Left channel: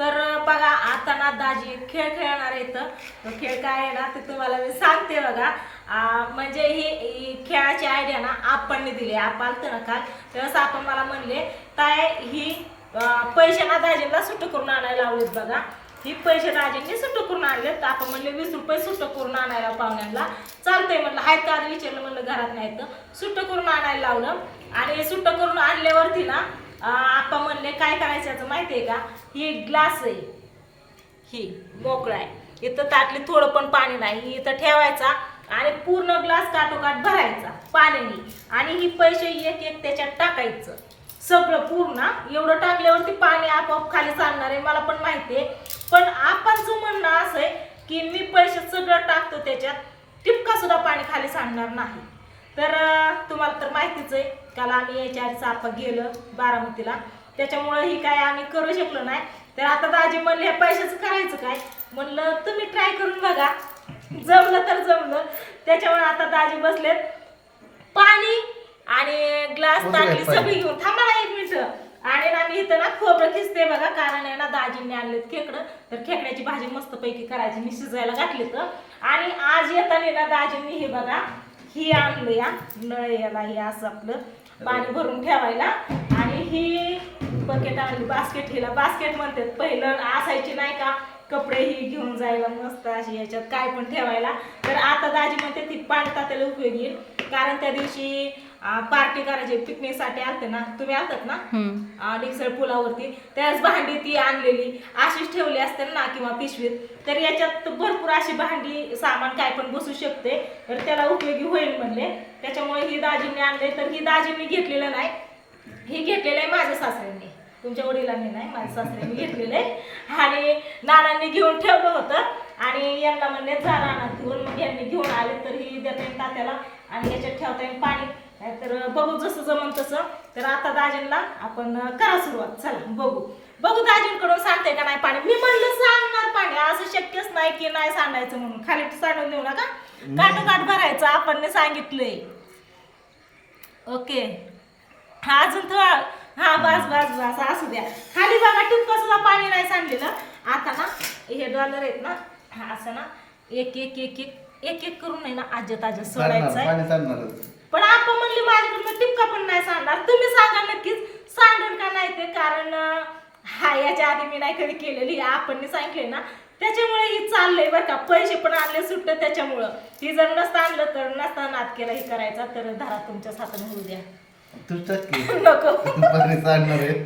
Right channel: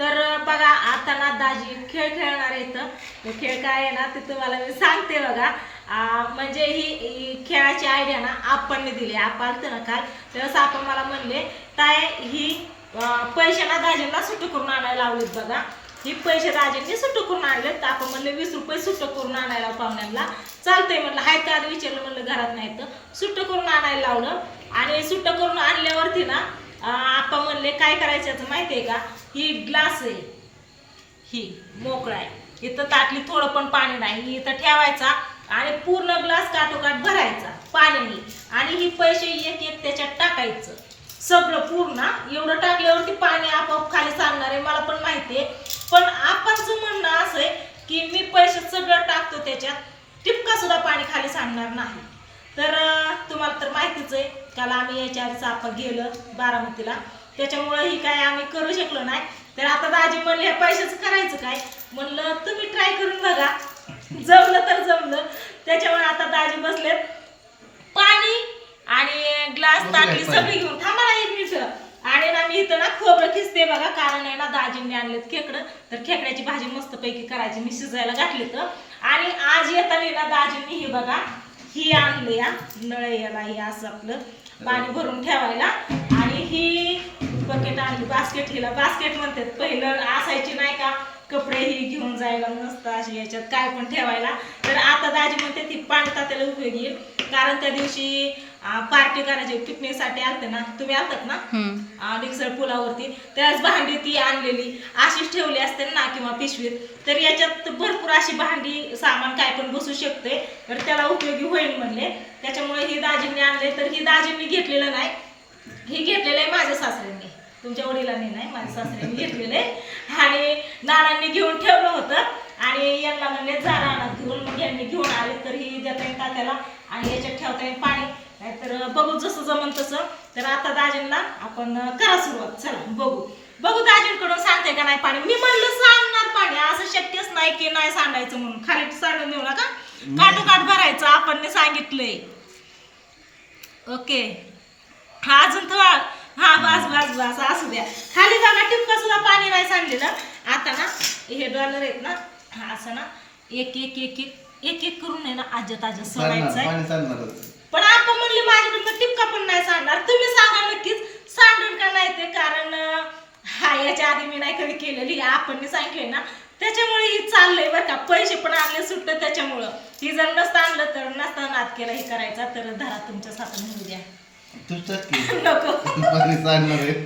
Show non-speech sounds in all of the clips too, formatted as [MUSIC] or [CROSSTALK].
तर बघा आता ना दाजी खेळ खेळणार आहे इथं तो खेळ काय आहे ना ते तुम्हाला मी सांगते बघा. म्हणजे ही खेळाची आयडिया ना आपण दिली आपण आलतं ना काल तेव्हाच आपण मला म्हणले काय ही पैसे ना दाजींना सुट्ट करून आणायला लावलेत बघा. ही पैसे दाजींनी सुट्ट करून आणले तर आपण म्हणले वीस रुपये सुट्ट करून आणायला पाहुण्यांना. चालतंय म्हणलं हाय का? आधी विचारलं म्हणलं घरात नाही तर सुट्ट करून आणायला लावलं. आणि सुट्ट करून आणल्यावरती ना आपा म्हणले काय करायचं याचं माहिती आहे का? ही ग्लास आहे. ही मोकळा आहे. इथं ताटली थोडं पण पाणी नाही. इथं ठेवायचा आणि पूर्ण ग्लास काठोकाठ भरायचा पाण्याने. आणि ही पैसे एक एक त्याच्यात टाकायचं. सगळं पूर्ण. एवढं टाकल्यावरती पाणी आपोआप खाली चालणार आहे मला पण माहिती आहे पण आपणचं म्हणणं असं आहे की मी पैसे सगळं टाकतो त्याच्यात टिपका सुद्धा पाणी खाली सांडणार नाही. तर तुम्हाला तर माहितीच आहे काल आम्ही याच्या आधीच आपण गेलं बारामतीला. त्याच्यामुळं ही काय आम्ही करू शकलो नाही. तर आता दाजी म्हणले हे पैशाचं करायचं काय? म्हणलं तुम्ही ट्राय करून बघा. जमलं तर जमलं. त्याच्यामुळे आता दाजी बसलेत. पाणी आणि ग्लास ताटली सगळी घेऊन. थांबा ना एक मिनिट. आणि ना मी इथं ना खोबरं खिसते बघा. कारण आहे ना दाजींनी आणलेत खेकडं. तर खेकड्याची भाजी मस्त पैकी करायची. मी शिजायला घातली तर आणि आज येताना ना दाजींनी हे बघा ही आणलं या नळ याला हे असं आपलं. पाणी भरून ठेवायला. आणि ही बकेट आणली बास्केट हिला बास्केट म्हणतात. पहिलं असायची नाही का कपडे ही घेऊन जायला नसतं अशी याच्यात काय पण ठेवायला. तर आता दाजी म्हणते ती पाणी तात्याला उपयोग येईल कारण त्या दिवशी पार्टी करायची पिकनिकसाठी आलते ना तुम्ही आलतात ना. डिक्सर पुलावरती. त्याच भांडी ती आणलेली अशीच ठेवली असते ना किंवा पिशवीत. तर याच्यात भरपूर अशी भांडी सामान काय पण बसू शकते. तर त्याला उपयोगी होईल म्हणले. त्याच्यामुळे ही दाजींनी आणले. तर ही दाजींनी घेतलेलं नाही. ही घेतलेलं आहे माझ्या सासऱ्यांनी. तुमच्या वडिलांनी नाही माझ्या सासऱ्यांनी घेतलेलं आहे. आणि नानांनी घेऊन ठेवलं होतं. आणि यांना म्हणले जा रानात घेऊन. मग यांनी घेऊन आले. तर ही देता येईल तात्याला. आणि याच्यात ठेवता येईल पाणी. तर बघू जसं जमन तसं. तर आता दाजींना आपण करा सुरुवात. चला बघू. बघू दाजींकडून सांगते का नाही पाणी. मी म्हणलं सांगणार पाणी. असं शक्यच नाही की नाही सांगायचं म्हणून. खाली सांडून देऊ नका. काटोकाट भरायचं आपण सांगितलंय. ओके. हा अजून थोडा हा बस बस बस असू द्या. खाली बघा टिपका सुद्धा पाणी नाही सांडलेलं. आता ना हे डॉलर आहेत ना हा असं ना एक एक एक एक एक एक करून आहे ना आजत आजत सोडायचं पाणी आपण म्हणले माझ्याकडनं टिपका पण नाही सांगणार तुम्ही सांगा नक्कीच सांगेल का नाही ते? कारण हा याच्या आधी मी नाही कधी केलेली. आपण सांगितले ना त्याच्यामुळे ही चाललंय बरं का. पैसे पण आणले सुटतं त्याच्यामुळं. ही जर नसतं आणलं तर नसता नाद केला हे करायचा. तर धरा तुमच्या हाताने होऊ द्या. [LAUGHS] नको.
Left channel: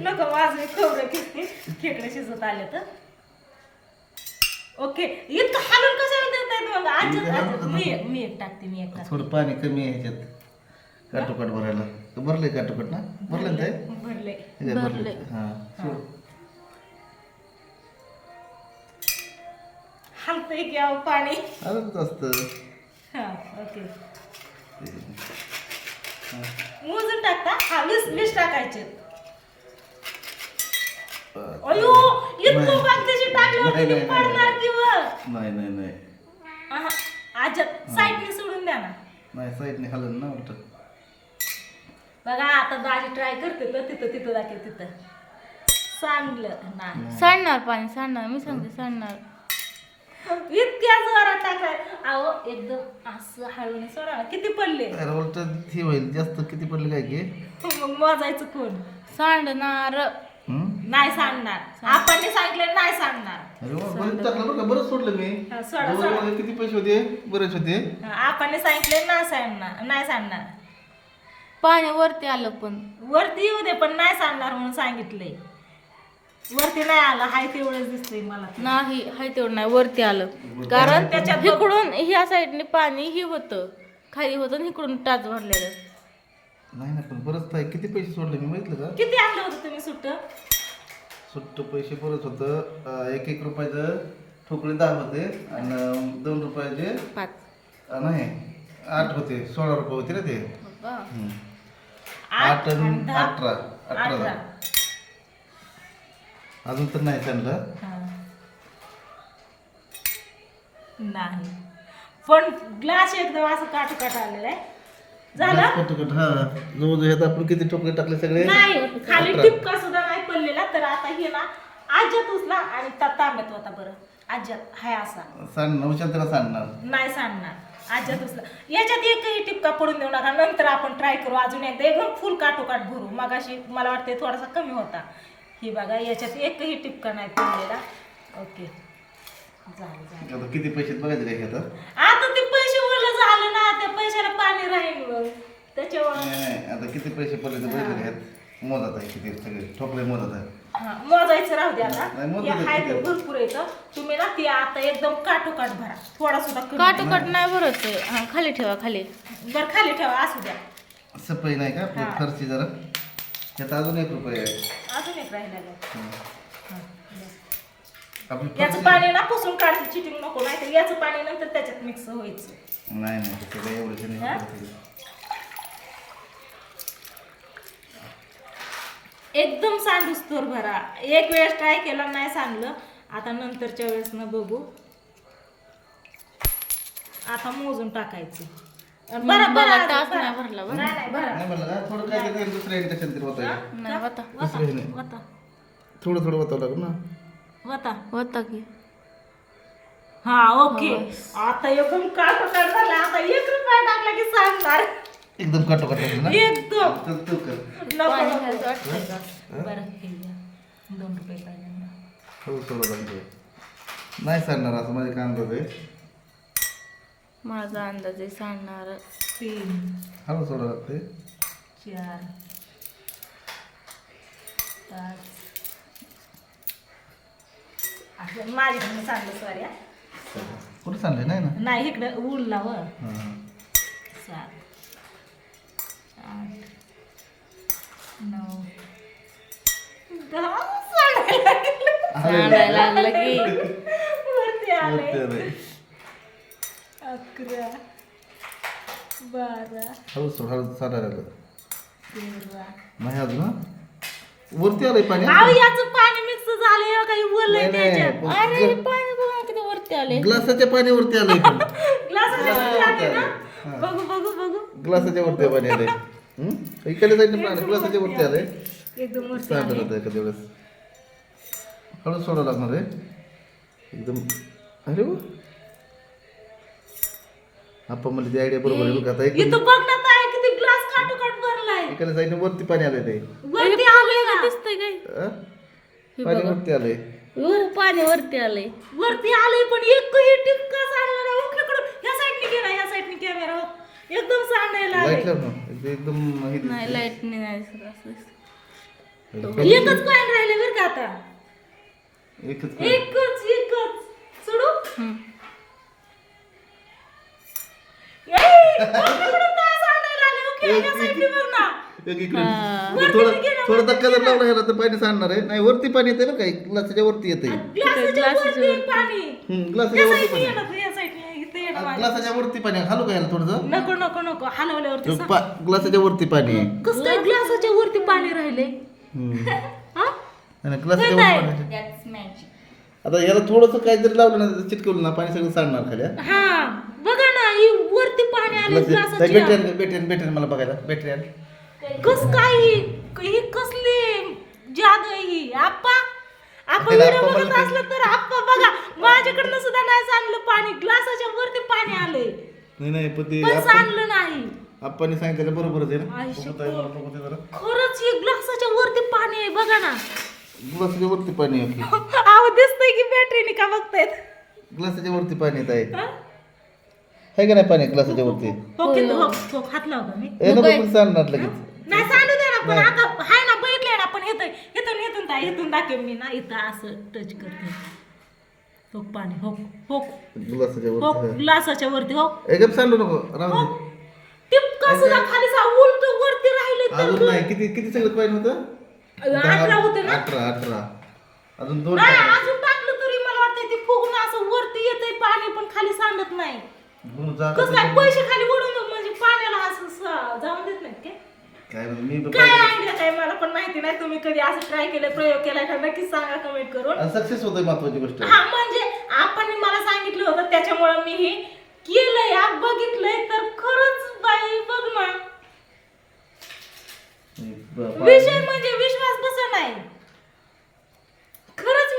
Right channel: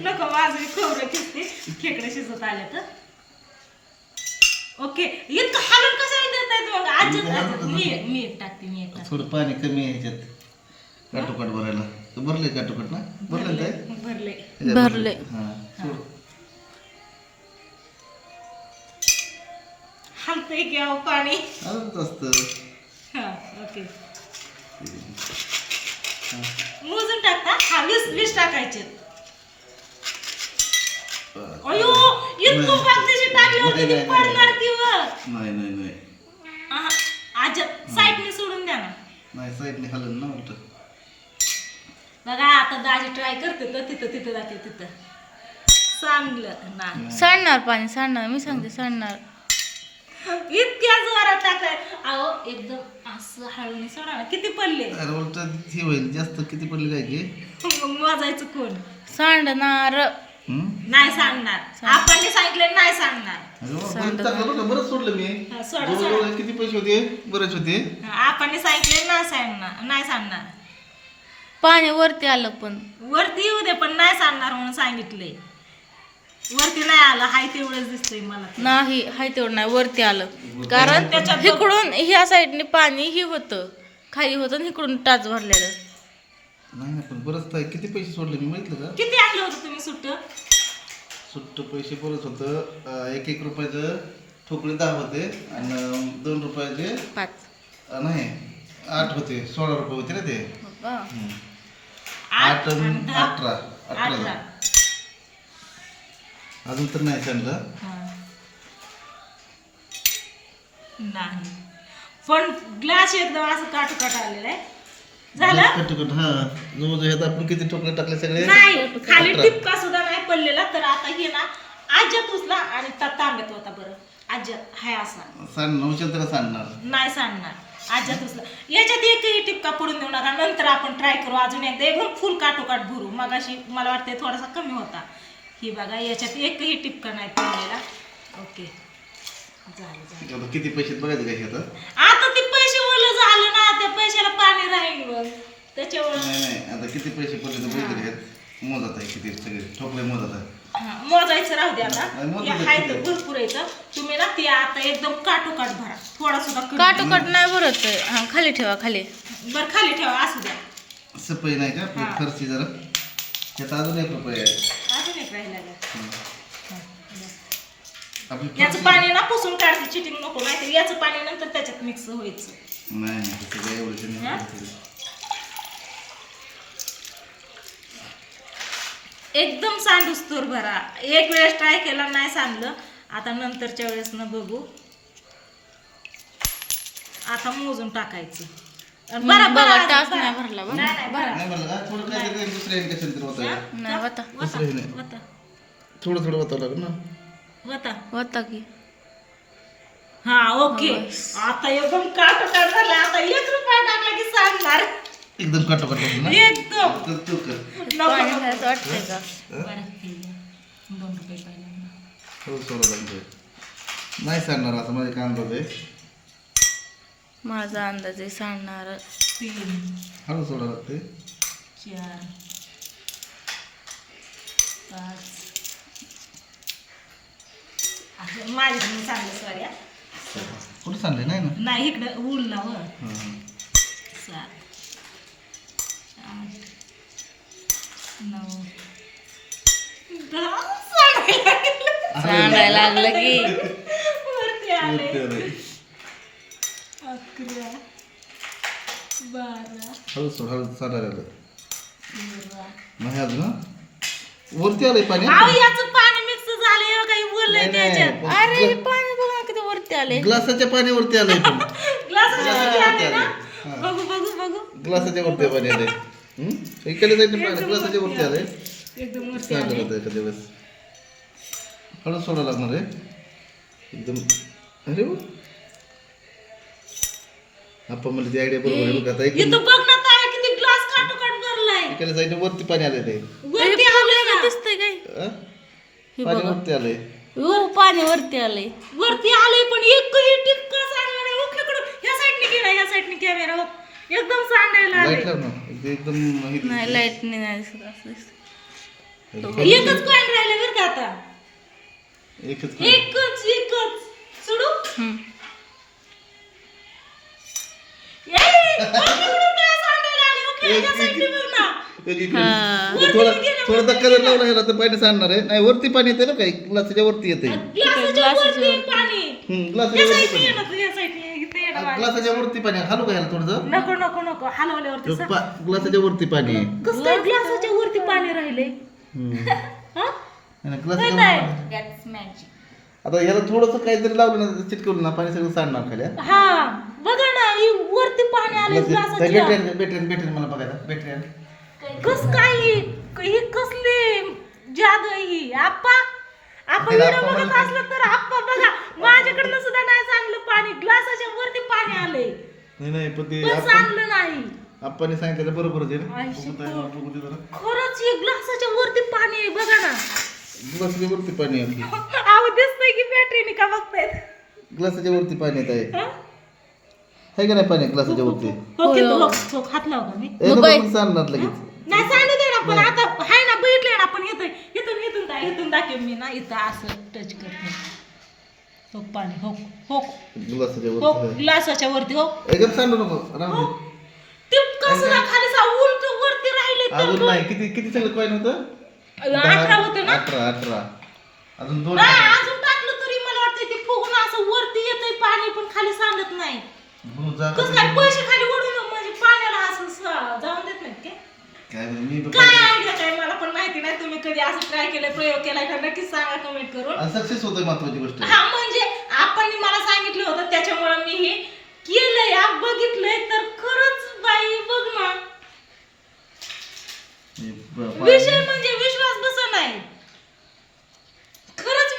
नको माझं खोबरं किसते. खेकडे शिजत आले तर. ओके. इतकं हालून कशाला देत आहेत मग? आजच मी मी एक टाकते मी एक थोडं पाणी कमी आहे काटोकाट भरायला. तर भरले काटोकाट ना? भरलं काय? भरले. भरले. हा सोड. हालतंय की अहो पाणी? आलंच असतं. हा ओके. मोजून टाकता? हा वीस वीस टाकायचे. बरं. अयो इतकं नाही. भाग त्याची टाकली नाही, होती नाही, ती नाही, पडणार नाही. किंवा नाही नाही नाही. आजत साईडने सोडून द्या ना. नाही साईडने हलन ना उलट. आता दाजी ट्राय करते तर तिथं तिथं जाते तिथं. सांगलं नाही. सांडणार पाणी सांडणार. मी सांगते सांडणार. इतक्या जोरात टाकलाय. अहो एकदम असं हळून सोडा ना. किती पडले? अरे उलट हे होईल जास्त किती पडले काय की? मग मोजायचं कोण? सांडणार. हम्म? नाही सांगणार. आपण सांगितलं नाही सांगणार. अरे वा, बरंच टाकलं बरं का? बरंच सोडलं मी. हा, सोडा, किती पैसे होते? बरेच होते. आपण सांगितलं नाही सांगणार नाही सांगणार. पाणी वरती आलं पण. वरती येऊ दे पण नाही सांगणार म्हणून सांगितलंय. वरती नाही आलं हाय तेवढंच दिसतंय मला. नाही हाय तेवढं नाही वरती आलं. कारण त्याच्यात इकडून ह्या साईडने पाणी ही होतं. खाली होतं आणि इकडून टाच भरलेलं. नाही ना पण बरंच आहे. किती पैसे सोडले मी माहितलं का? किती आणलं होतं तुम्ही सुट्ट? सुट्ट पैसे बरंच होतं. अं, एक एक रुपयाचं ठोकळे दहा होते आणि दोन रुपयाचे पाच. अं, नाही आठ होते. सोळा रुपये होते ना ते. हो? हम्म. आठ आणि दहा. अठरा. अठरा अठरा झाले. अजून तर नाही सांगलं हा. नाही. पण ग्लास एकदम असं काटू काट आलेला आहे. झालं? कट कट हा. जवळजवळ ह्यात आपण किती ठोकळे टाकले सगळे? नाही खाली अठरा. टिपका सुद्धा नाही पडलेला तर आता हे ना आज्यात उचला आणि ता तांब्यात होता बरं. आज्यात हाय असा. त्याला नाही सांगणार आज्यात उचला याच्यात एकही टिपका पडून देऊ नका नंतर आपण ट्राय करू. अजून एकदा एकदम फुल काटोकाट भरू. मग अशी मला वाटते थोडासा कमी होता. ही बघा याच्यात एकही टिपका नाही पडलेला. ओके झालं झालं. आता किती पैसे बघायचे काय आता आता ते पैसे ओलं झालं ना त्या पैशाला पाणी राहील त्याच्यावर नाही नाही. आता किती पैसे पडले ते बघितले मोजत आहे किती? सगळे ठोकले मोजत आहे. हा, मोजायचं राहू द्या आता. नाही, मोजू हे दे, हाय तर आहे. भरपूर येतं तुम्ही ना ती आता एकदम काटोकाट भरा. थोडा सुद्धा कमी. काटोकाट नाही भरत हा खाली ठेवा खाली. नाही. बरं खाली ठेवा असू द्या. सपई नाही का? आपली हा. खर्ची जरा. त्यात अजून एक रुपये आहे. अजून एक राहिला. हा, याचं पाणी ना पुसून काढते चिटिंग नको नाही तर याचं पाणी नंतर त्याच्यात मिक्स व्हायचं. नाही नाही तसं काय एवढं? नाही. एकदम सांडूस तूर भरा. एक वेळेस ट्राय केला नाही सांडलं. आता नंतरच्या वेळेस न बघू. आता मोजून टाकायचं. बरा- बरा टाच. नाही भरला बरं नाही, नाही, बरा. नाही म्हणलं का? थोडं काय तरी दुसरं इंडक्शन तरी होतं का? नाही होता दुसरं हे नाही. वता. थोडं थोडं होतं लागेल ना? वता. होता की. हा ओके. आता एकदम काट झाला. आता एक रुपया टाकला की सांगणार. एकदम काटोकाट होतं ना एकदम. तर तू कर. पाणी नको. खायचं वाटतंय का? हे. दोन रुपये पाहिजे हो सोडा नाही सांगणार असं माझे काय अंदाज आहे माझा अंदाज आहे सांगणार. तीन. हळू सोडा लागते चार. पाच. असं माझ्याकडून सांगलं सॉरी कुठं सांगले नाही ना. नाही इकडं उरला हां. सात आठ नऊ दहा सांगायला लागलं. सांगायला लागलं की वरती आले वरती आलंय. अकरा बारा हळू सोड हळू चालायला लागलं तेरा नाही अजून हा? वरती आलंय पाणी अहो याचं पाणी मिक्स झालंय काही बोललंय नाही, नाही. त्याच्यात अरे पाणी बघा किती वरती आले ग्लासाच्या पाण्यावरती आलंय पण [LAUGHS] ग्लासाच्या हा. वरती आले ना हा. बघू बघू बघू ग्लासाच्या वरती पाणी आलंय? इकडे साईडने पाणी ग्लासाच्या वरती आलंय एकदम वरती सांगत आले. होतं एका दिवस हळू सोडा लागणार आहे एकदम अरे वा आपण म्हणजे ती आयडिया बरोबर आहे बघ आता एकदम इथं बघ ना ताई किती ग्लास काटोकाट भरलाय इकडे साईडने वरती पाणी आलंय ते वरती आलंय ना दिसतंय काय हा? हे पाणी बघा. वरती आलंय हो पाणी वरती आलंय वरती आलंय पण एकही टिपका सांगणार नाही इकडं ह्या साईडने घे ना ह्या साईडने कॅमेरा. एकदम सांगायला लाइट आलंय लाव ना ते एकदम. नाही लाइट नाही दिसत असं दिसतं. एकच कॉइन राहिले बरं का आता? एकच एकच एकच. सोडू. थोडा थोडा धक्का जर लावला ह्याला तर पाणी सांडणार आहे. नाही वरती पाणी येते ना काही? ग्लासाच्या वरती येते ग्लासाच्या वरती पाणी. ग्लासाच्या वरती पाणी. ग्लासाच्या वरती पाणी आहे. घालू का ह्याला थोडंसं नको नको नको हलवल्यावरती सांग. ग्लासाच्या वरती पाणी आहे. कसं काय ग्लासाच्या वरती पाणी राहिले हम्म. [LAUGHS] हा आणि ग्लासाच्या. आता याला थोडंसं काहीतरी लावलं ना चिटकवलं ना पाणी सगळं सांडणार खाली हा? हा बघा ना ही वरती पाणी आले ग्लास- आण, बॅटरी आण मला बघायला बॅटरी आण. कस काय ही ही कसली जादू आहे ही आप्पा आपण त्याला व्हिडिओ आप्पा बघत म्हणलं असलं तर आप्पा बघा माझ्याकडनं सुद्धा नाही सांगलं पाणी. ग्लासाच्या वरती पाणी आले नाही नाही पण ते पण आपण सांगलं नाही. आपण सांगितलं बरोबरच आहे आई ना शपथ. बघू दे, बघू दे जरा. खरंच ही ग्लासाच्या वरती पाणी आहे बघा ना. ग्लासाच्या वरती पाणी आहे आपलं. आव दिसतंय की बॅटरीने का बघतायत? ग्लासाच्या वरती पाणी येत आहे आहे का नाही पाणी ग्लासाच्या वरती? हो. हो, हो, हात लाव का मी? ए नको पण सांडणार लगेच. नाही सांगू दे ना पण आता इथून दाखव मी ना इथं असं टच करते. हो पाणी हो हो ग्लासाच्या हो वरती ग्लासाच्या वरती हो एकदम सांडू नको राहू दे. टिपका सुद्धा खाली सा उलट वरती राहिले अजून नाही किती किती सगळं पाणी होतं? अठरा होते ना. अठरा अठरा. अजून दोन नाही अजून टाकलं तरी मला वाटतं ते फुगून असं वरती येतंय पाणी पण खाली सांडत नाही. जा- कसं काय पैसे खाली ओढून म्हणजे पाण्याला असं स- जाऊन देत नाहीत काय माहिती, मी काय आयडिया काय? मला पण माहिती नाही तुम्ही कधी असं ट्राय केलं प्रयोग केलाय का? नक्कीच सांगा कमेंट करून. सक्सेस होतं महत्वाची गोष्ट. हा म्हणजे आपण मला सांगितलं होतं त्याच्यामुळे मी हे केलंय आ, बघितलंय तर खरंच बाई बघ ना हे ब- विषय म्हणजे विश्वास बसा नाही खरंच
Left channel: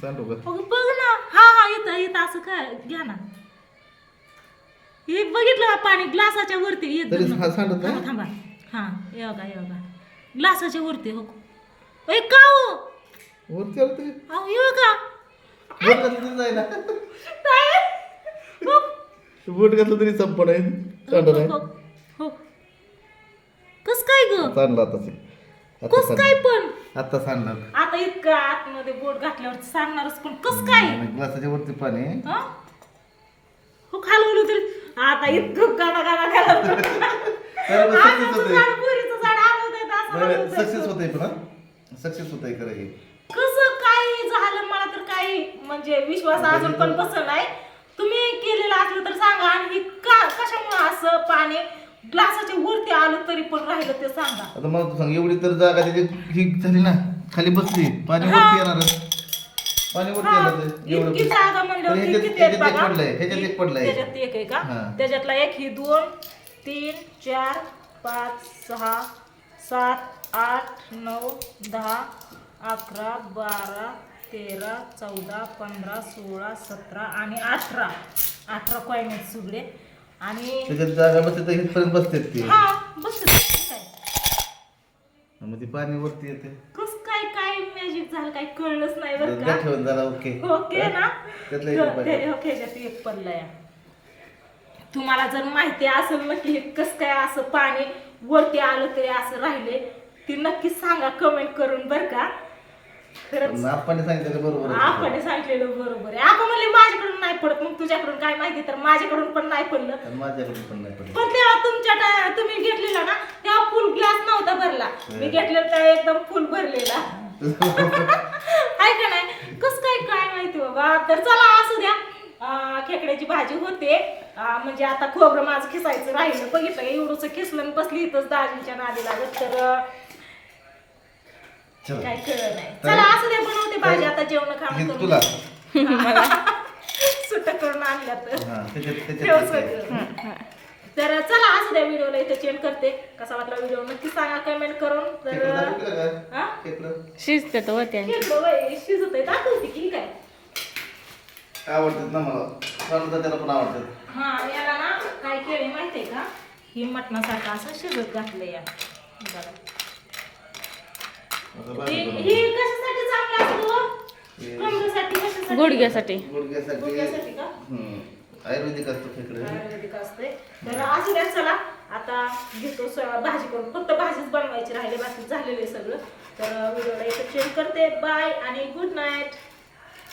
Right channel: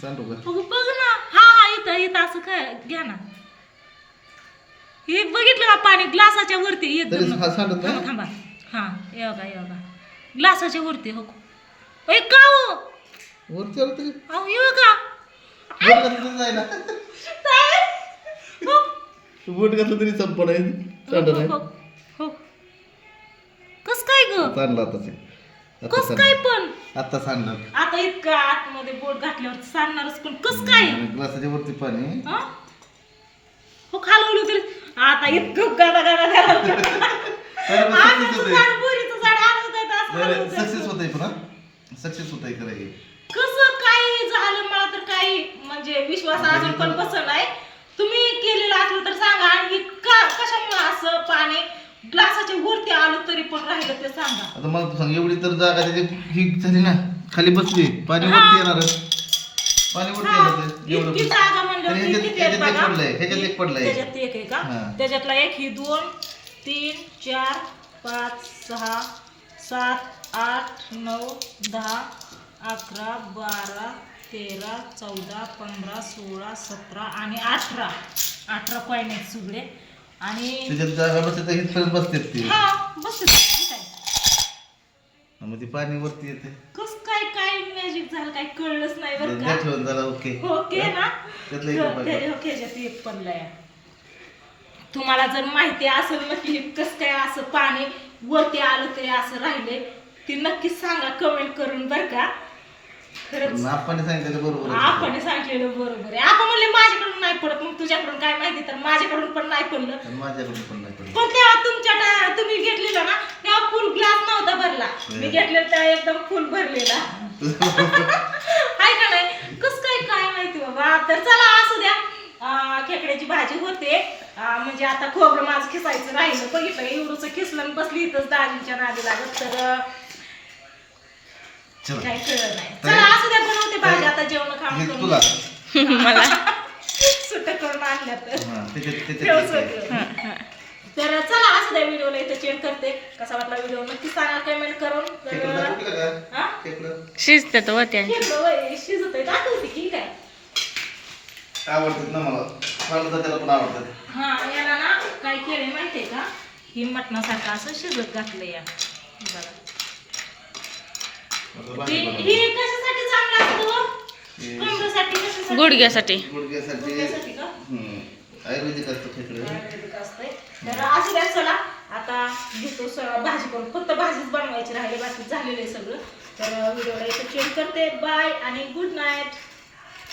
सांडू का अगं बघ ना हा हा इथं इथं असं काय घ्या ना हे का पाणी ग्लासाच्या वरती एक तरी हा सांडत थांबा नाही थांबा. हा ये बघा ये बघा ग्लासाच्या वरती हो. ए का हो? वरती आलं तरी? अहो ये बघा बोट घातलं तरी जायला काय? हो, बोट घातलं तरी संपण आहे सांड नाही. हो, हो. कस काय ग? सांडलं आता कस काय पण? आता सांडलं. आता इतकं आतमध्ये बोट घातल्यावर सांगणारच पण कस काय? आणि ग्लासाच्या वरती पाणी हा? हो? आता इतकं गाडा गाडा गाडा तर मग सक्सेस होते. सक्सेस होते. पण सक्सेस होत आहे खरं हे. कसं काही झालं मला तर काही म्हणजे विश्वास अजून पण बसत नाही. तुम्ही केलेलं असलं तर सांगा आणि का कशामुळे असं पाणी ग्लासाच्या वरती आलं तरी पण राहिलं ते सांगा. आता मला तू सांग एवढी तर जागा त्याची ही झाली ना? खाली बसली पाणी वरती येणार पाणी वरती येणार ते. एवढं इतकी जागा म्हणल्यावर तरी ह्याच्यात- किती आहेत ह्याच्यात एक बघा? पडलंय ह्याच्यात एक पडलंय. त्याच्यात एक आहे का? हा. त्याच्यातला एक ही दोन तीन चार पाच सहा सात आठ नऊ दहा अकरा बारा तेरा चौदा पंधरा सोळा सतरा आणि अठरा. अठरा कॉईन आहेत सगळे. आणि त्याच्यात जागा बसते तर इथपर्यंत बसते ती. हा बस मग ती पाणी वरती येते कस काय काय मॅजिक झालं काय कळलंच नाही बरं का. ठेवून जरा ओके. ओके ना? त्यातलं एक रुपया. ते- ओके ह्याच्यात एक पडलाय तुम्हाला जर माहिती असेल नक्की कस काय असं पाणी वरती आलं तरी असं राहिले ती नक्की सांगा कमेंट करून बर का. खरंच. आपण सांगितलं बरोबर आहे. आपण सांगितलेलं बरोबर आहे. आपण म्हणले माझ्याकडून नाही पडत मग तुझ्याकडून काय माहिती? तर माझ्याकडून पण नाही पडलं. पण माझ्याकडून पण नाही पडलं. पण तेव्हा तुमच्या टा- तुम्ही घेतलेला ना तेव्हा फुल ग्लास नव्हता भरला. मी घेतलेला तेव्हा एकदम फुल भरलेला. आहे का नाही? कस काय काय माहिती बाबा? तर चला असू द्या. खेकड्याची भाजी होते. म्हणजे आता खोबरं माझं खिसायचं राहिलं. बघितलं एवढंच खिसलं आणि बसली इथंच दाजींच्या नादी लागत. तर चला. काय कळलं नाही. चला असू द्या बनवते भाजी. आता जेवण हे खाणं तुला. [LAUGHS] मला. सुट्ट करून आणल्या तर. हा त्याच्यात त्याच्यात. हा, हा. तर चला असू द्या व्हिडिओला इथं चेंज करते. कसा वाटला व्हिडिओ? नक्की सांगा कमेंट करून. तर? हा शिजलं वय, शिजतंय. दाखवते की काय आवडतात ना मला? आवडतात त्याला पण आवडतात हा याला ना काय केलंय माहितीये का? ही मटणासारखं असं शिजत घातलंय या बघा. हे हे कशासाठी चांगलं असतं गुडघ्यासाठी. गुडघ्यासाठी. गुडघ्यासाठी का. आयुर्वेदिक असतं खेकडं. आयुर्वेदिक असतंय. तर असू द्या चला. आता घेतो स- भाजी करून फक्त भाजीच बनवायची राहिली बाकी झालेलं आहे सगळं. तर व्हिडिओला इथं चेंज करते. बाय आणि गुड नाईट